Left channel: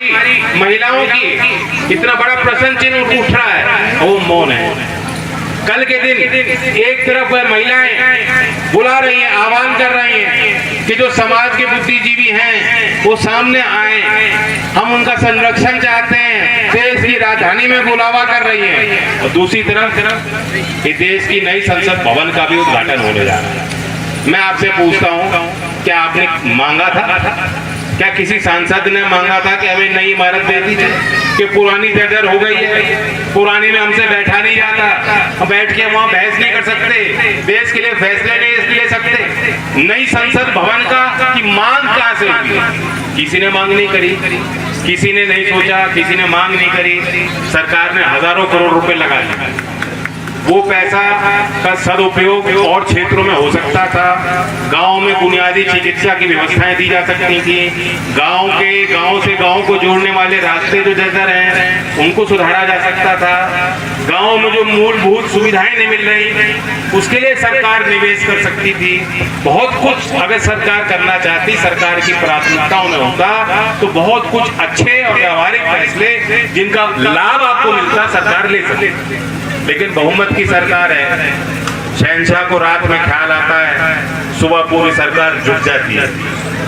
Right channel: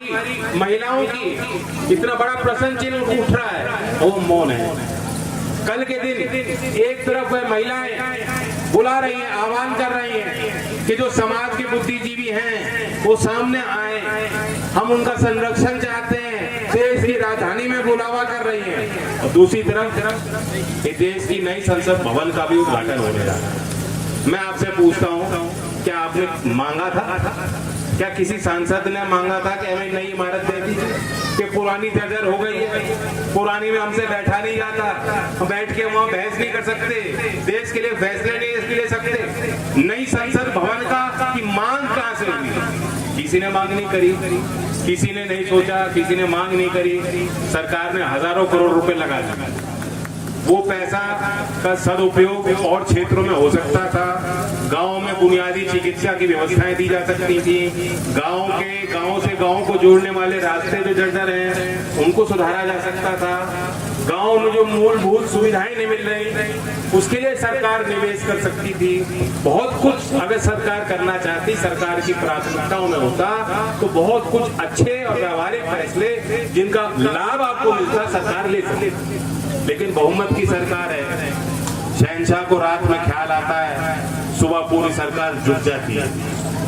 महिलाओं की इतना बड़ा प्रश्न चिन्ह उठ रहा है, वो मौन है। कल के दिन एक तरफ महिलाएं बुला रही हैं, आह्वान कर रही हैं कि जो समाज के बुद्धिजीवी हैं वो सामने आए, हम उनका संरक्षण चाहते हैं, देश की राजधानी में बुलावा कर रही हैं। और दूसरी तरफ ये देश की नई संसद भवन का भी उद्घाटन होने जा रहा है। मैं आपसे पूछता हूँ, क्या आपने मांगा था? क्या किसी सांसद ने मांगा था कि हमें नई इमारत दे दीजिए? कि पुरानी जर्जर हो गई है, पुरानी में हमसे बैठा नहीं जाता, हम बैठ के वहाँ बहस नहीं कर सकते, देश के लिए फैसले नहीं ले सकते। नई संसद भवन का की मांग कहाँ से हुई? किसी ने मांग नहीं करी, किसी ने नहीं सोचा, किसी ने मांग नहीं करी। सरकार ने हजारों करोड़ रुपए लगा दिए। वो पैसा का सदुपयोग और क्षेत्रों में हो सकता था। गांव में बुनियादी चिकित्सा की व्यवस्थाएं दी जा सकती थी। गांव से गांव को जोड़ने वाले रास्ते जो जर्जर हैं उनको सुधारा जा सकता था। गांव में जो मूलभूत सुविधाएं नहीं मिल रही उसके लिए सरकार निवेश कर सकती थी। बहुत कुछ अगर सरकार करना चाहती, सरकार की प्राथमिकताओं में होता तो बहुत कुछ अच्छे और व्यवहारिक फैसले जिनका लाभ आपको मिलता सरकार ले सकती। लेकिन बहुमत की सरकार है, शहंशाह को रात में ख्याल आता है, सुबह पूरी सरकार झुक जाती है।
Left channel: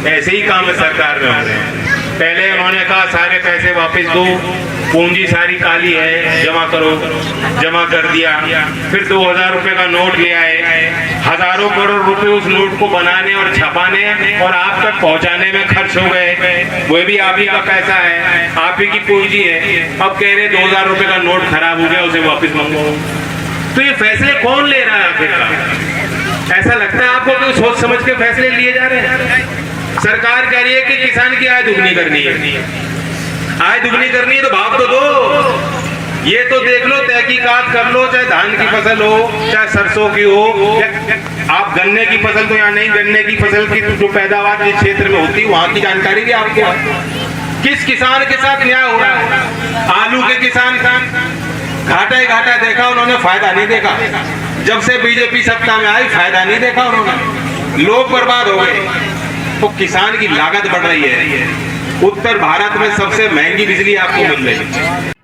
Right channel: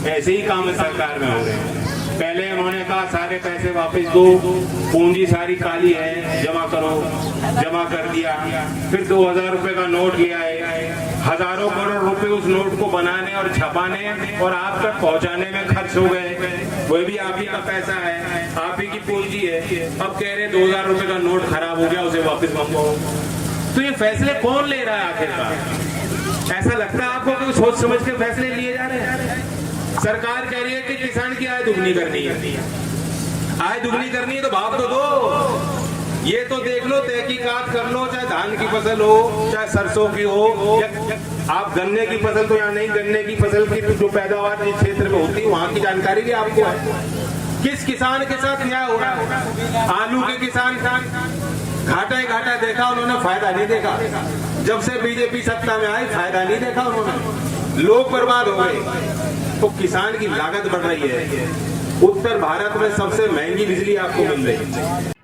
ऐसे ही काम सरकार में हो रहे हैं। पहले उन्होंने कहा सारे पैसे वापस दो, पूंजी सारी काली है, जमा करो, जमा कर दिया। फिर 2000 रुपए का नोट ले आए, हजारों करोड़ रुपए उस नोट को बनाने और छपाने और आप तक पहुंचाने में खर्च हो गए। वो भी आप ही का पैसा है, आप ही की पूंजी है। अब कह रहे 2000 रुपए का नोट खराब हो गया, उसे वापस मंगो। तो ये फैसले कौन ले रहा है आखिरकार? ऐसा लगता है आपको कि सोच समझ के फैसले लिए जा रहे हैं। सरकार कह रही है कि किसान की आय दुगनी करनी है, आय दुगनी करनी है तो भाव तो दो। ये तो देख लो, तहकीकात कर लो, चाहे धान की फसल हो, चाहे सरसों की हो, आप गन्ने की फसल तो यहाँ नहीं, गन्ने की फसल की जो पैदावार जिस क्षेत्र में होती है वहां की जानकारी भी आपको। किस किसान के साथ न्याय हो रहा है? आलू के किसान घाटा ही घाटा देखा उन्होंने, फायदा नहीं देखा। जब से बीजेपी सत्ता में आई फायदा नहीं देखा उन्होंने, लोग बर्बाद हो गए। तो किसान की लागत बढ़ रही है। उत्तर भारत में सबसे महंगी बिजली आपको मिल रही है।